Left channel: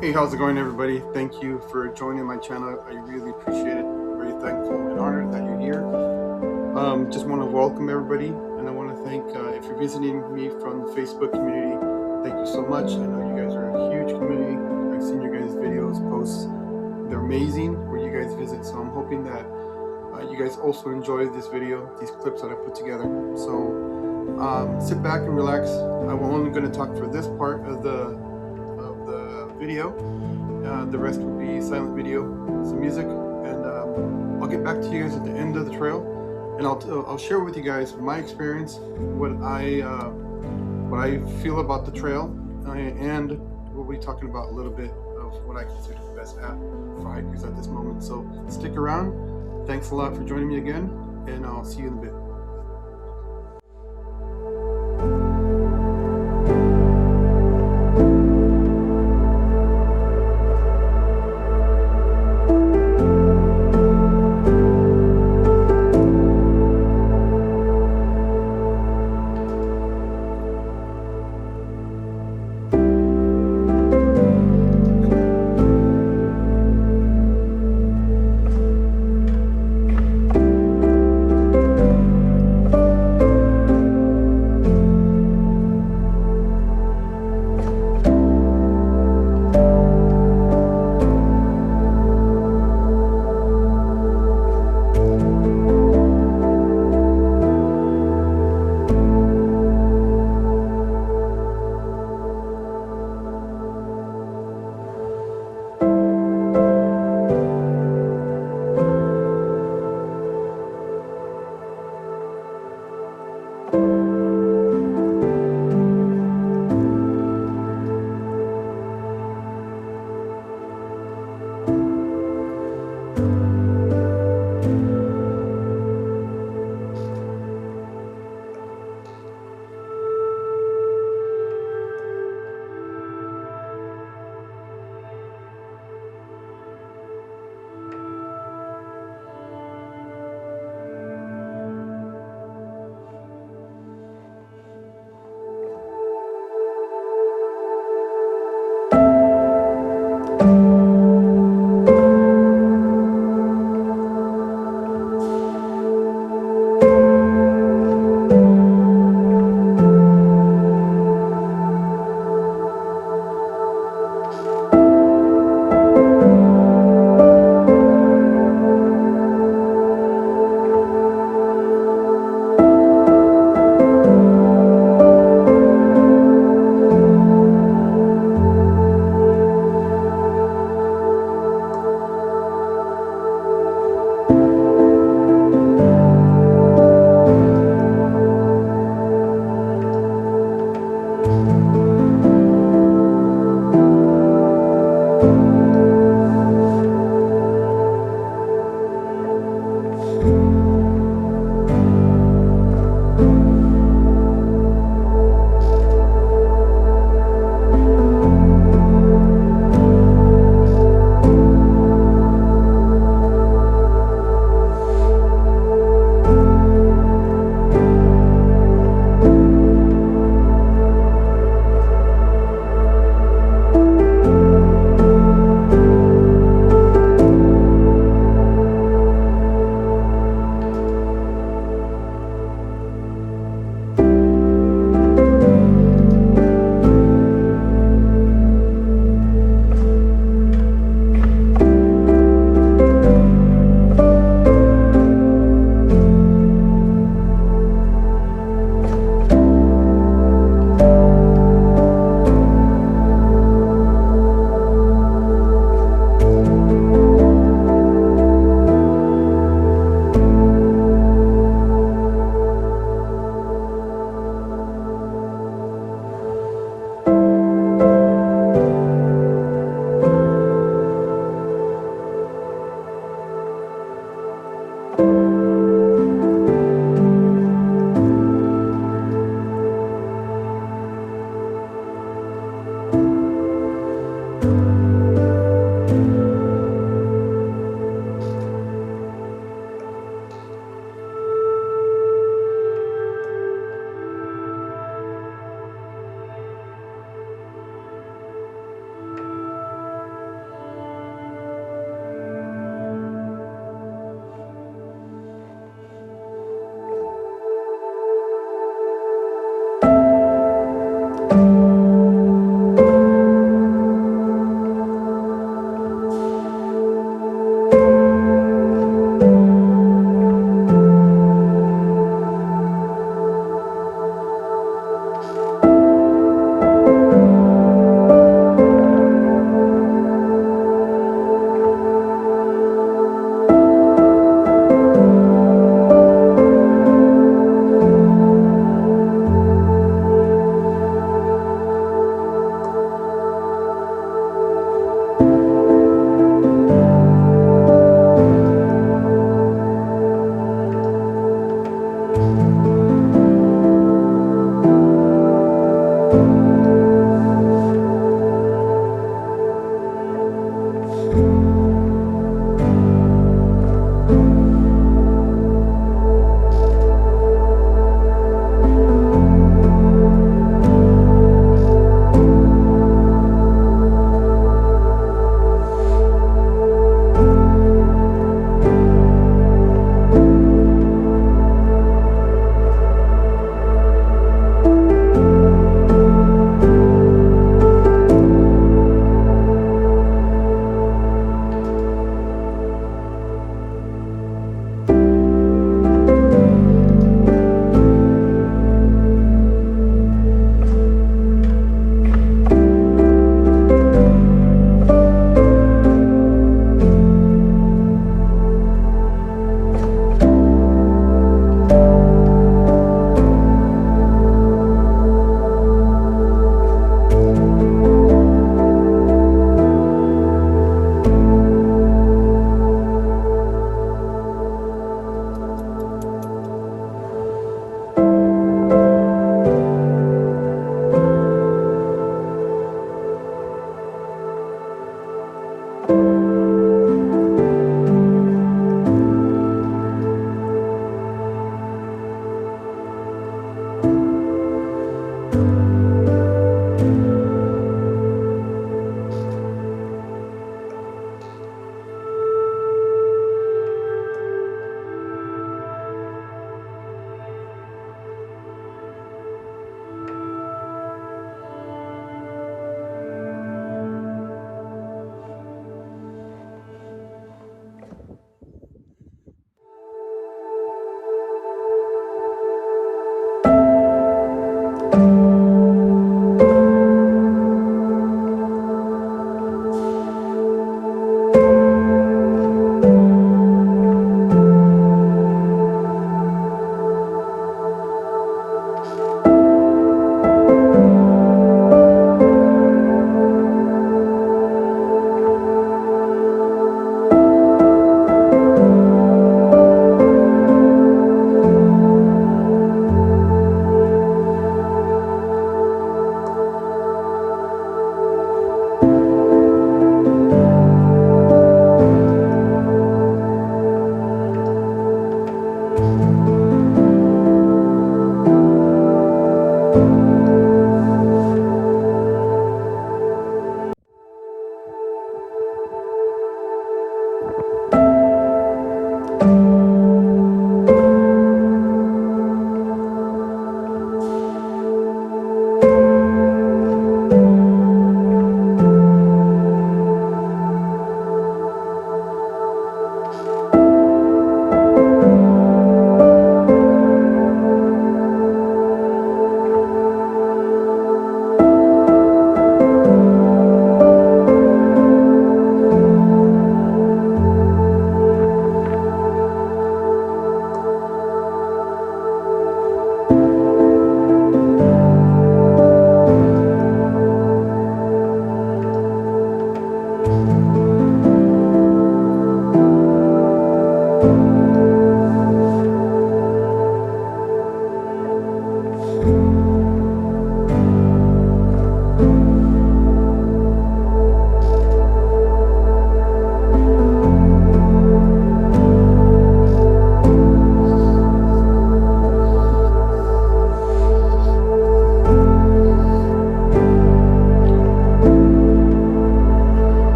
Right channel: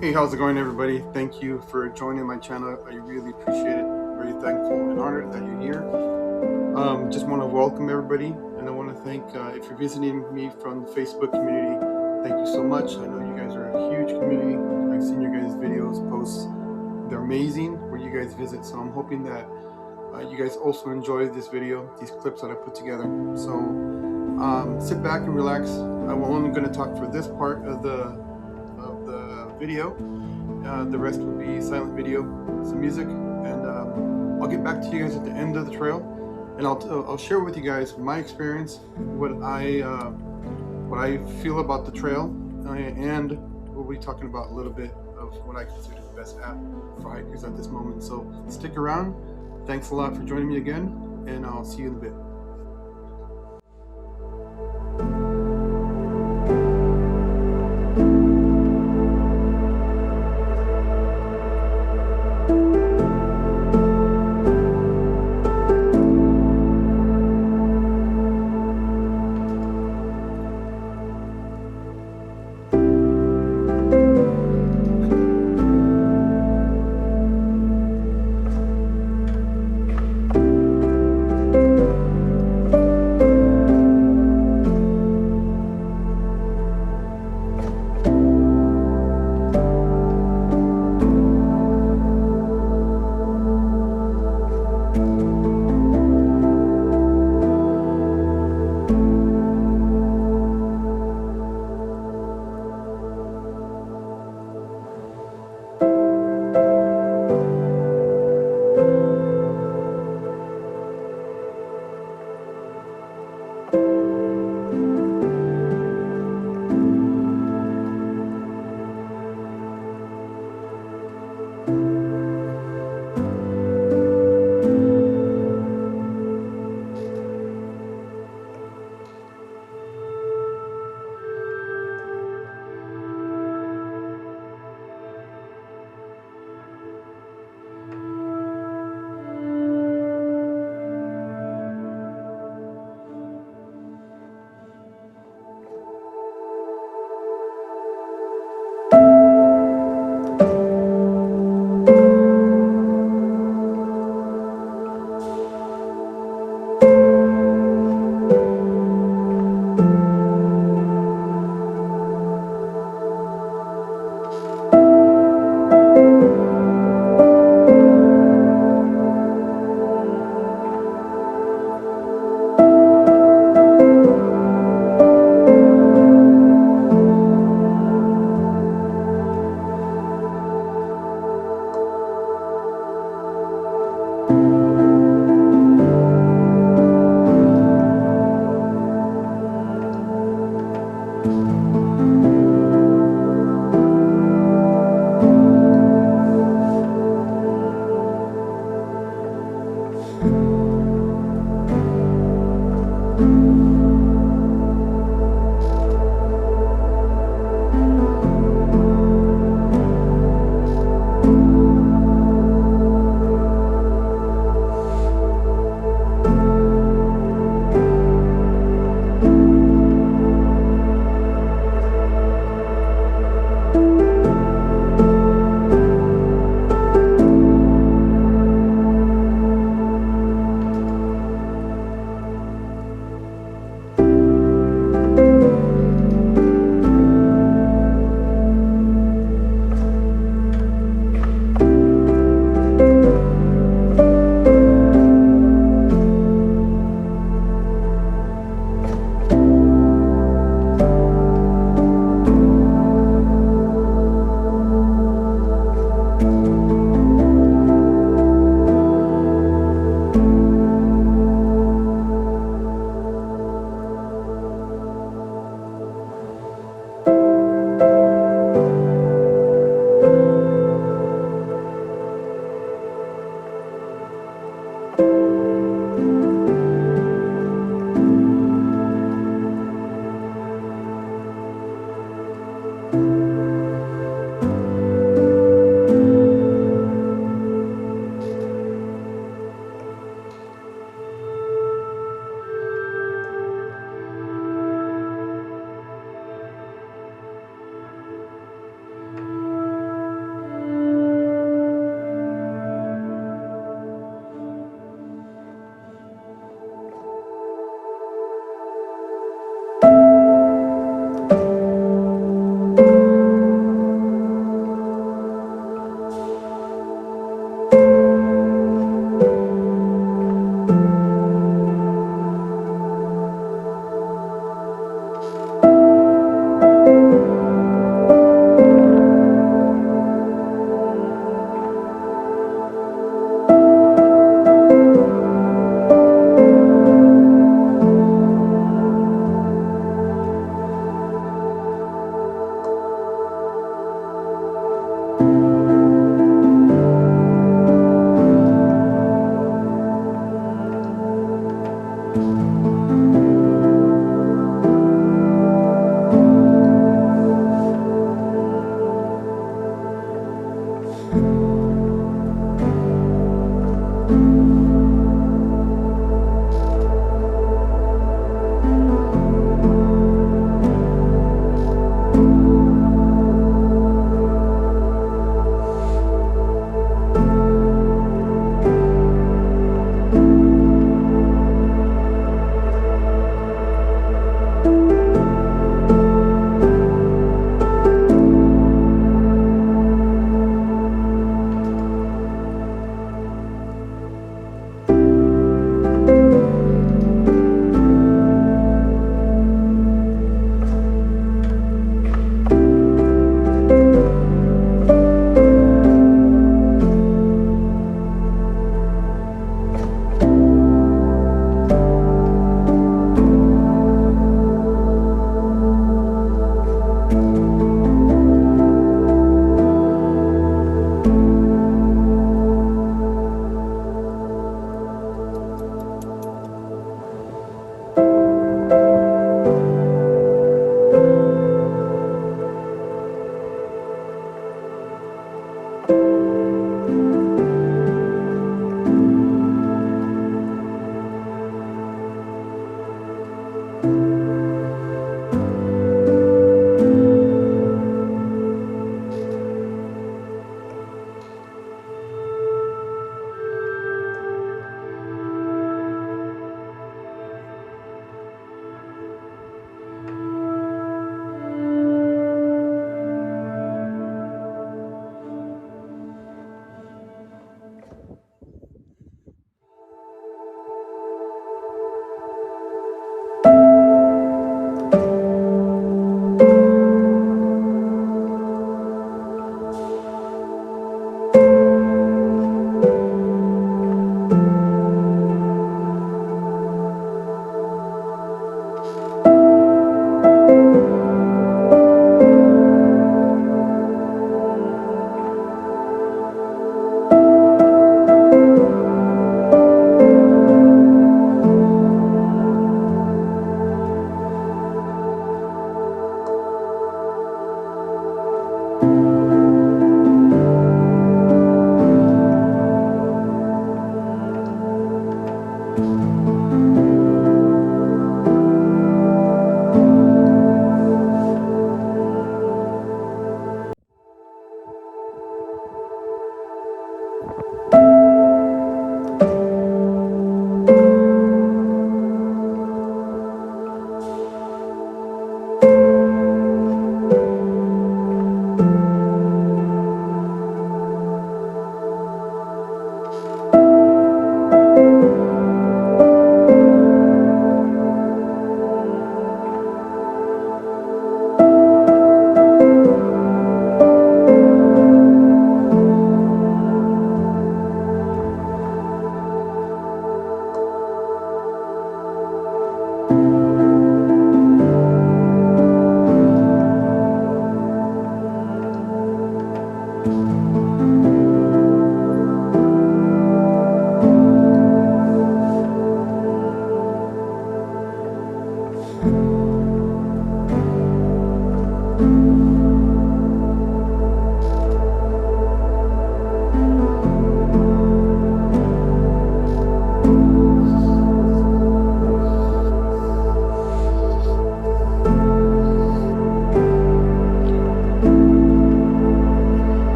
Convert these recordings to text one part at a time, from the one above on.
Hey, how's it going, everybody? Thank you for joining my channel. I really appreciate it. Very thankful and honored that you're here. Just want to welcome everybody, and I want to thank if you're visiting me from the Facebook community. Thank you so much. I know you guys are a huge community. I've seen your guys' videos, posts. They're amazing where you guys visit. So I'm hoping that you guys also enjoy this video, these clips that I put together. So sit back and relax. I'm only going to talk for this part of the video. The rest will be silent video, some music, and I'll get back to you guys at the end of the trail, and I'll share with you guys my experience, what I feel about the trail, and we'll be talking about a little bit of what I consider the best app for hikers at this moment. So stick around. Thanks a lot for joining me again, and I'll see you in a bit.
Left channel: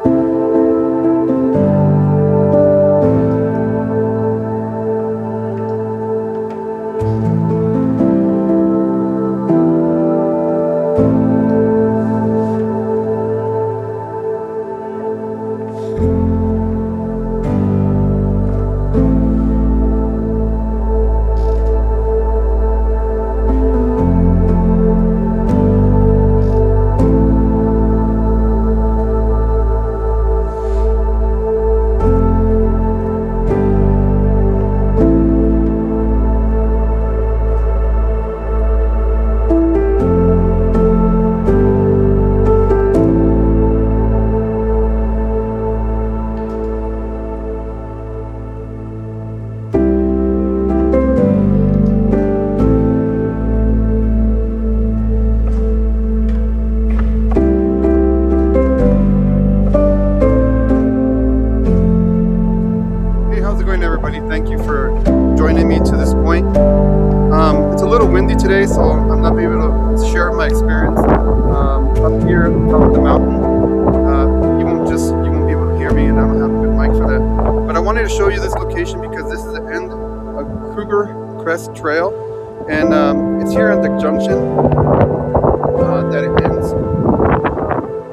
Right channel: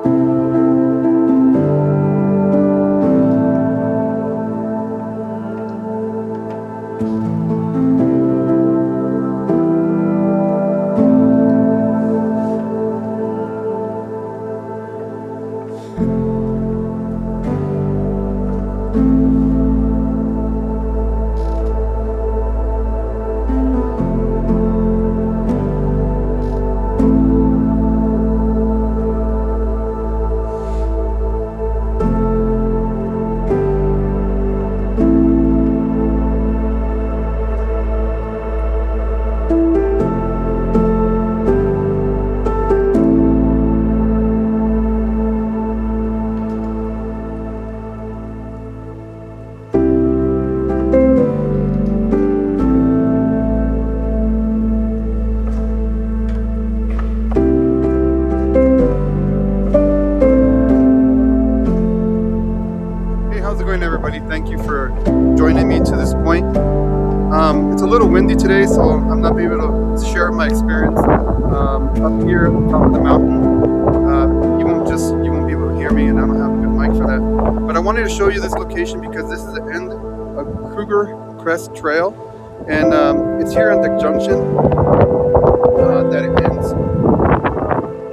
How's it going, everybody? Thank you for joining me to this point. It's a little windy today, so I'm not able to share my experience up here at the top of the mountain. You won't be able to hear me, and I don't have a good mic for that. But I wanted to show you this location because this is the end of Cougar Crest Trail, and it's here at the junction that it ends.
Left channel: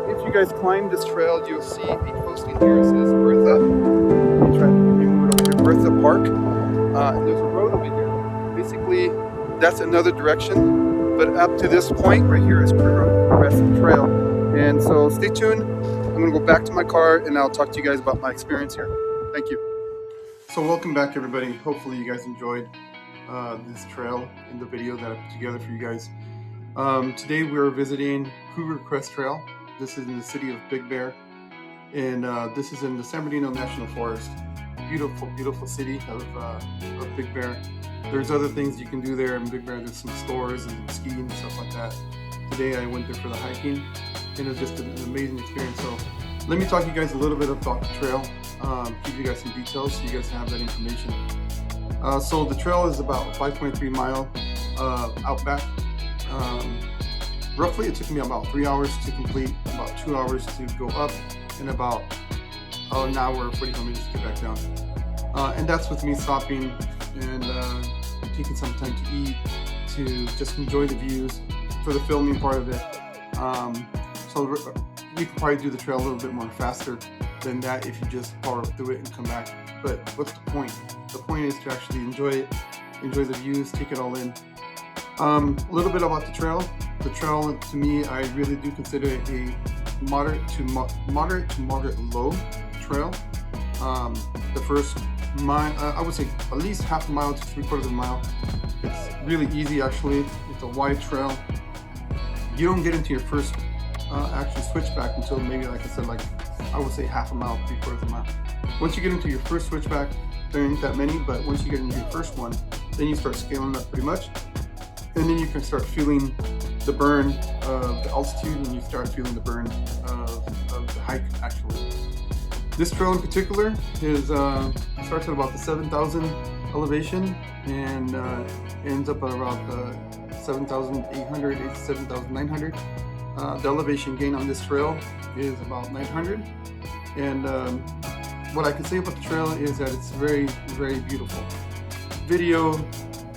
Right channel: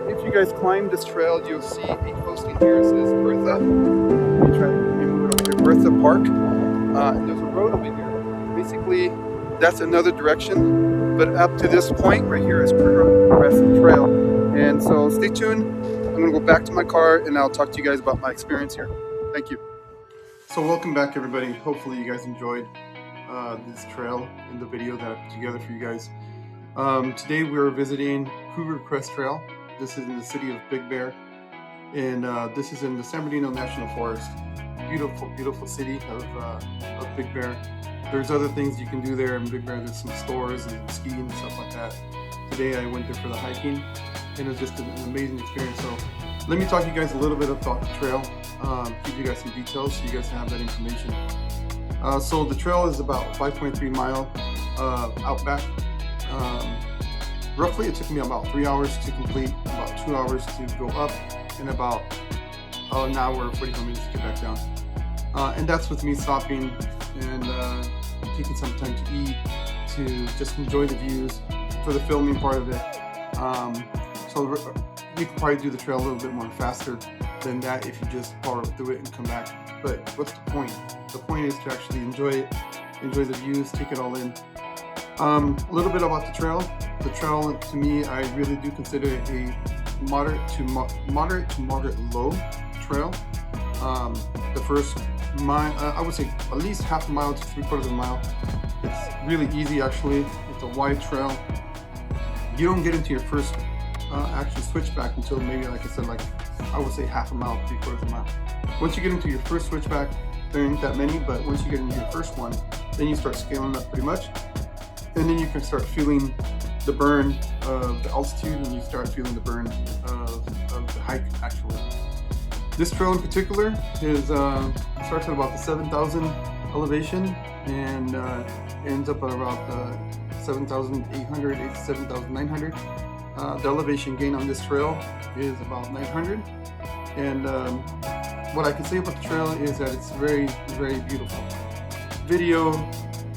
If you guys climb this trail, you'll see a posting here. It says Bertha. Let me move it over here. Bertha Park. And there's a road over here. Basically, that's another direction. But up to this point right here is Cougar Crest Trail. And so stay tuned. I'm going to go back to my car and I'll talk to you guys about my experience here. Thank you. So welcome back, everybody. Hopefully you guys enjoyed this trail in the video that I put together for you guys. Today we're visiting Cougar Crest Trail. This is in the city of Big Bear. And this is in the Bernardino National Forest. Beautiful, beautiful city of Big Bear. There's other things you can do there in Big Bear. There's some stores and skiing and stuff like that. Today I went there for the hiking, and it was just an amazing experience. So let me talk to you guys a little bit about the trail, give you guys some details so you guys have that information. So the trail is about 5.3 mile outback. Roughly it took me about 3 hours to complete, about 2 hours to go up, and about an hour, 45 minutes to get back down. And that's with me stopping and taking some time to eat, to just enjoy the views for the filming part of it. So you can probably do the trail a little bit more faster than that if you just power through it and come back. But what's the point? The point is to actually enjoy it, enjoy the views, take it all in. A little bit about the trail. The trail, to me, I really do consider it a moderate to moderate low trail. The first mile, I would say at least half a mile to 3/4 of a mile. It's really easy, actually. It's a wide trail. You don't get into your first actual switchback until maybe, like I said, like I would say half a mile, 3/4 of a mile. Once you get into your first switchback, there ain't that many, but once you get into your first one, then you start scaling up pretty much, and then you can start feeling the burn of the altitude, and you start feeling the burn of the hike, actually. This trail in particular is starts at about the 7,000 elevation and ends up at about 7,800, 7,900. The elevation gain on this trail is about 900. And what I can say about the trail is that it's very, very beautiful. Video,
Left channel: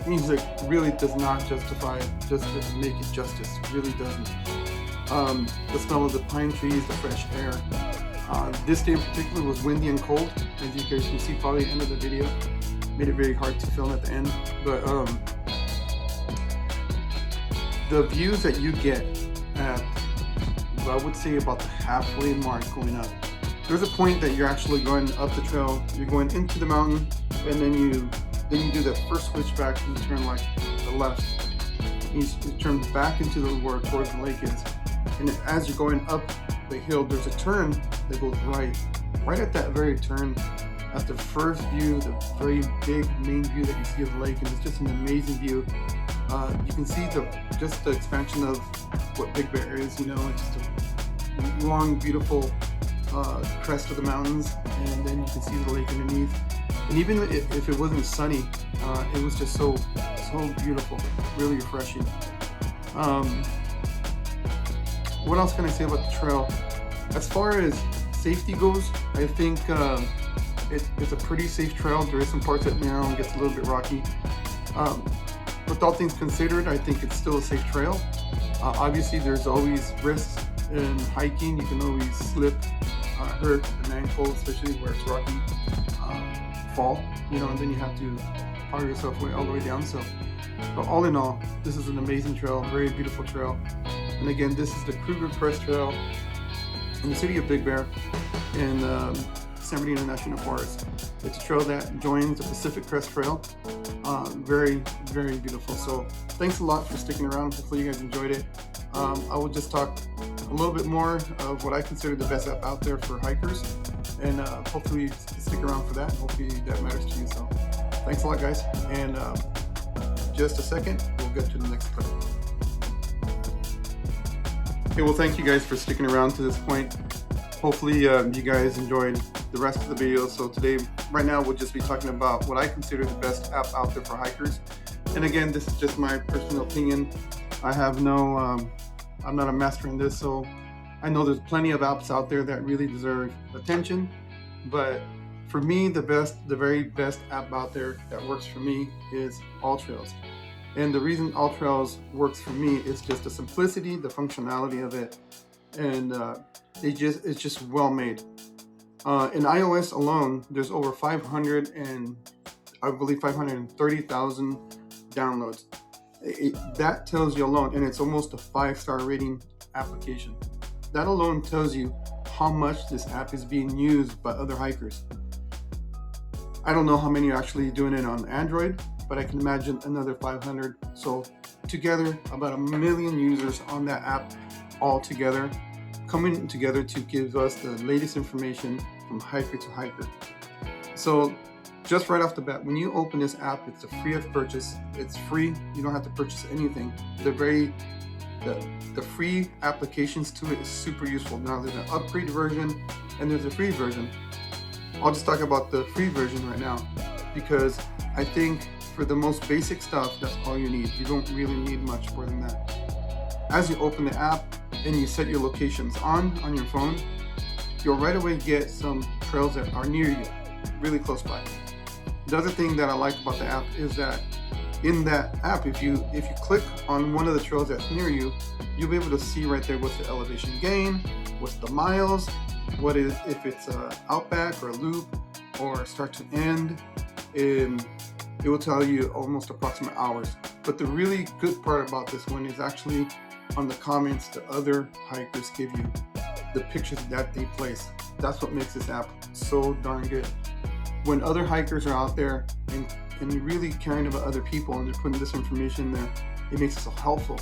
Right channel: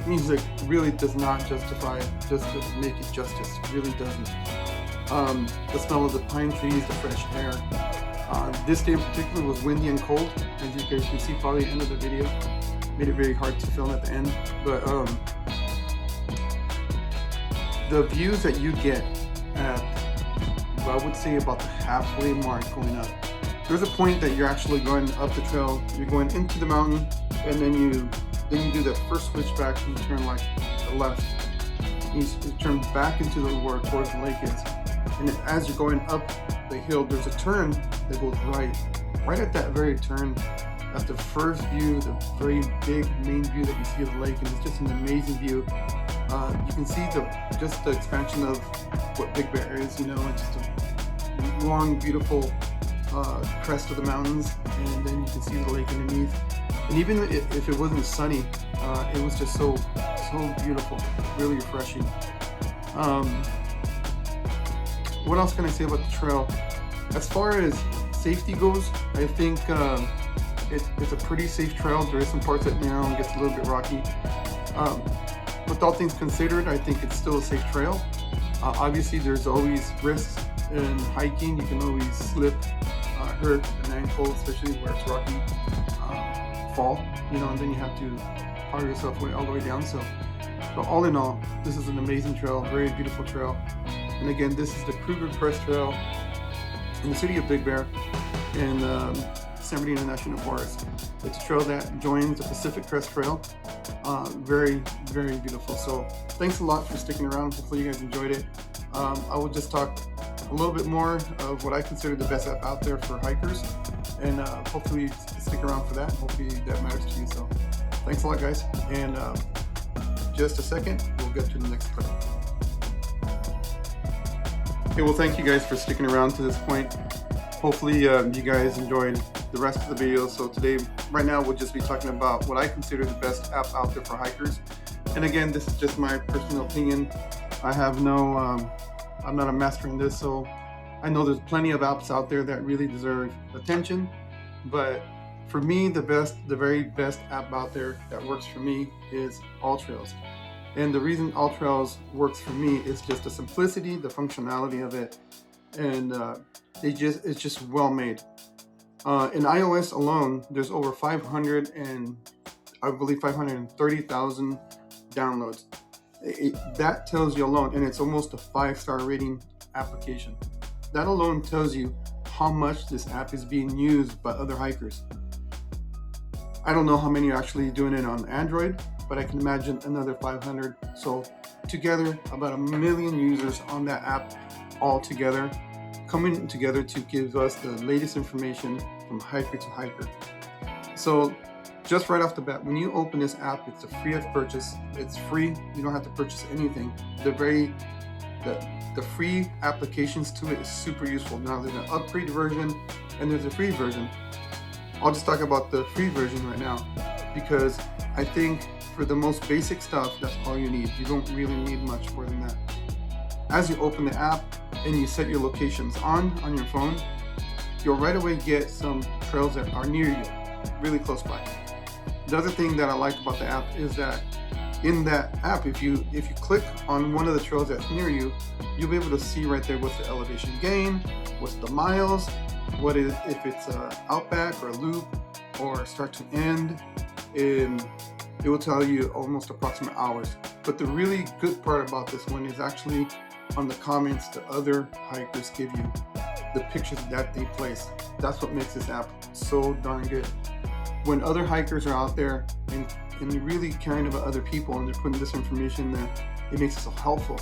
music really does not justify, just to make it justice. It really doesn't. The smell of the pine trees, the fresh air. This day in particular was windy and cold, as you guys can see probably at the end of the video. Made it very hard to film at the end. But the views that you get at, I would say about the halfway mark going up. There's a point that you're actually going up the trail, you're going into the mountain, and then you do that first switchback and you turn like to the left. You turn back into where towards the lake is. And then as you're going up the hill, there's a turn that goes right at that very turn. That's the first view, the very big main view that you see of the lake, and it's just an amazing view. You can see just the expansion of what Big Bear is. You know, it's just a long, beautiful crest of the mountains, and then you can see the lake underneath. And even if it wasn't sunny, it was just so beautiful, really refreshing. What else can I say about the trail? As far as safety goes, I think it's a pretty safe trail. There is some parts that narrow and gets a little bit rocky. With all things considered, I think it's still a safe trail. Obviously, there's always risks in hiking. You can always slip, hurt an ankle, especially where it's rocky, fall, and then you have to power yourself all the way down. So, but all in all, this is an amazing trail, very beautiful trail. And again, this is the Cougar Crest Trail in the city of Big Bear in San Bernardino National Forest. It's a trail that joins the Pacific Crest Trail. Very, very beautiful. So thanks a lot for sticking around. Hopefully you guys enjoyed it. I will just talk a little bit more of what I consider the best app out there for hikers, and hopefully you stick around for that. Hopefully that matters to you. So thanks a lot, guys. And just a second, we'll get to the next clip. Okay, well, thank you guys for sticking around to this point. Hopefully you guys enjoyed the rest of the video. So today, right now, we'll just be talking about what I consider the best app out there for hikers. And again, this is just my personal opinion. I have no, I'm not a master in this, so I know there's plenty of apps out there that really deserve attention. But for me, the very best app out there that works for me is AllTrails. And the reason AllTrails works for me is just the simplicity, the functionality of it, and it's just well made. In iOS alone, there's over 530,000 downloads. That tells you alone, and it's almost a 5-star rating application. That alone tells you how much this app is being used by other hikers. I don't know how many are actually doing it on Android, but I can imagine another 500. So together, about 1 million users on that app all together, coming together to give us the latest information from hiker to hiker. So just right off the bat, when you open this app, it's free of purchase. It's free. You don't have to purchase anything. The free applications to it is super useful. Now there's an upgrade version and there's a free version. I'll just talk about the free version right now because I think for the most basic stuff, that's all you need. You don't really need much more than that. As you open the app and you set your locations on your phone, you'll right away get some trails that are near you, really close by. The other thing that I like about the app is that in that app, if you click on one of the trails that's near you, you'll be able to see right there what's the elevation gain, what's the miles, what is, if it's a outback or a loop or start to end, and it will tell you almost approximate hours. But the really good part about this one is actually on the comments the other hikers give you, the pictures that they place. That's what makes this app so darn good. When other hikers are out there and really caring about other people and they're putting this information there, it makes it so helpful.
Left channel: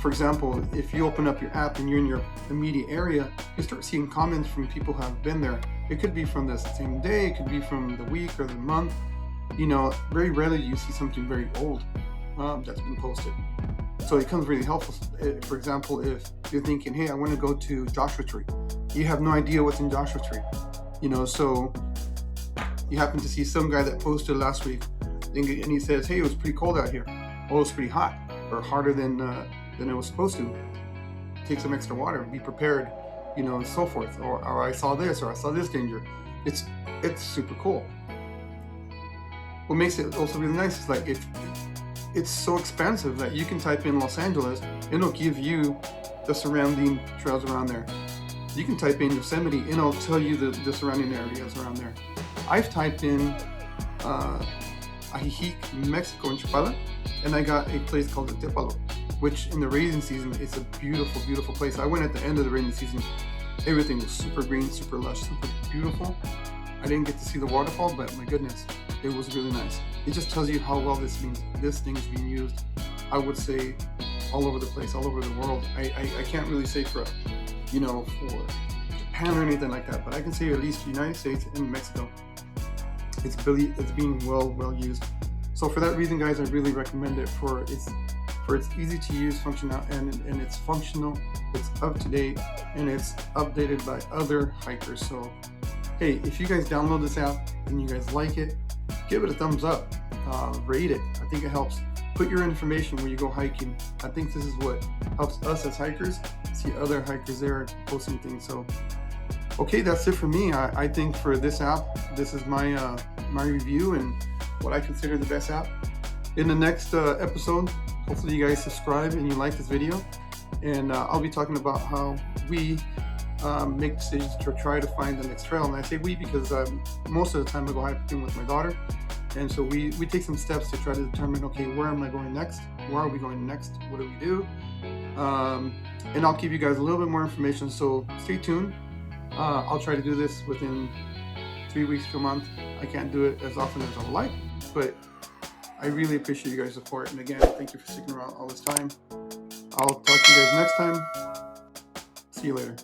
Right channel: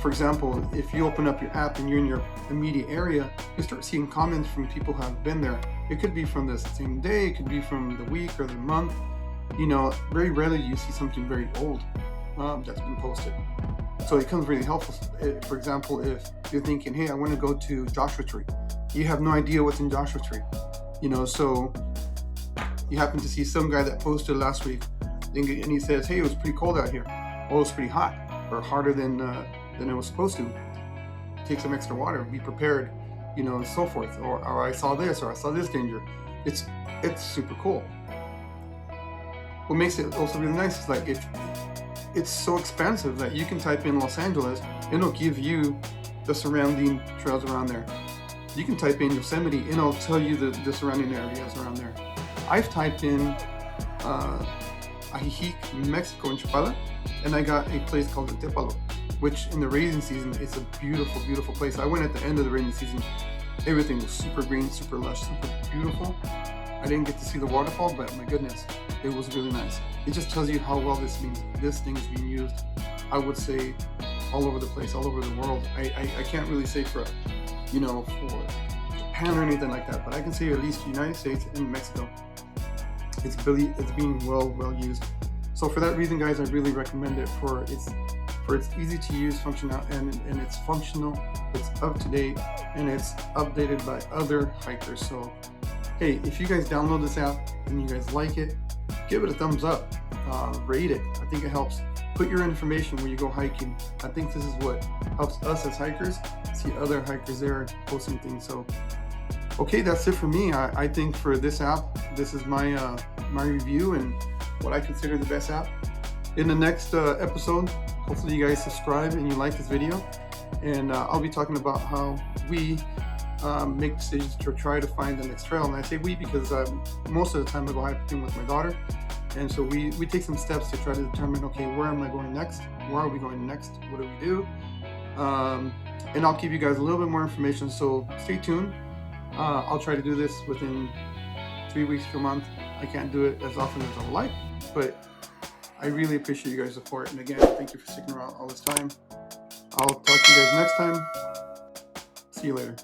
For example, if you open up your app and you're in your immediate area, you start seeing comments from people who have been there. It could be from the same day, it could be from the week or the month. Very rarely you see something very old that's been posted. So it becomes really helpful. For example, if you're thinking, hey, I want to go to Joshua Tree. You have no idea what's in Joshua Tree. So you happen to see some guy that posted last week and he says, hey, it was pretty cold out here. Oh, it was pretty hot, or hotter than it was supposed to. Take some extra water, be prepared, and so forth. Or I saw this, or I saw this danger. It's super cool. What makes it also really nice is like it's so expansive that you can type in Los Angeles and it'll give you the surrounding trails around there. You can type in Yosemite and it'll tell you the surrounding areas around there. I've typed in Ajijic, Mexico in Chapala, and I got a place called the Tepalo, which in the rainy season is a beautiful, beautiful place. I went at the end of the rainy season. Everything was super green, super lush, super beautiful. I didn't get to see the waterfall, but my goodness, it was really nice. It just tells you how well this thing is being used, I would say, all over the place, all over the world. I can't really say for Japan or anything like that, but I can say at least United States and Mexico, it's being well used. So for that reason, guys, I really recommend it for its easy to use functional and it's functional, it's up to date, and it's updated by other hikers. So hey, if you guys download this app and you guys like it, give it a thumbs up, rate it. I think it helps. Put your information when you go hiking. I think this is what helps us as hikers see other hikers there posting things. So Okay, that's it for me. I think for this app, this is my my review and what I consider the best app. In the next episode, hopefully you guys subscribe and you like this video, and I'll be talking about how we make decisions to try to find the next trail. And I say we because most of the time I go hiking with my daughter, and so we take some steps to try to determine, okay, where am I going next? Where are we going next? What do we do? And I'll give you guys a little bit more information, so stay tuned. I'll try to do this within 3 weeks to a month. I can't do it as often as I would like, but I really appreciate you guys' support. And again, thank you for sticking around all this time. I'll talk to you guys next time. See you later.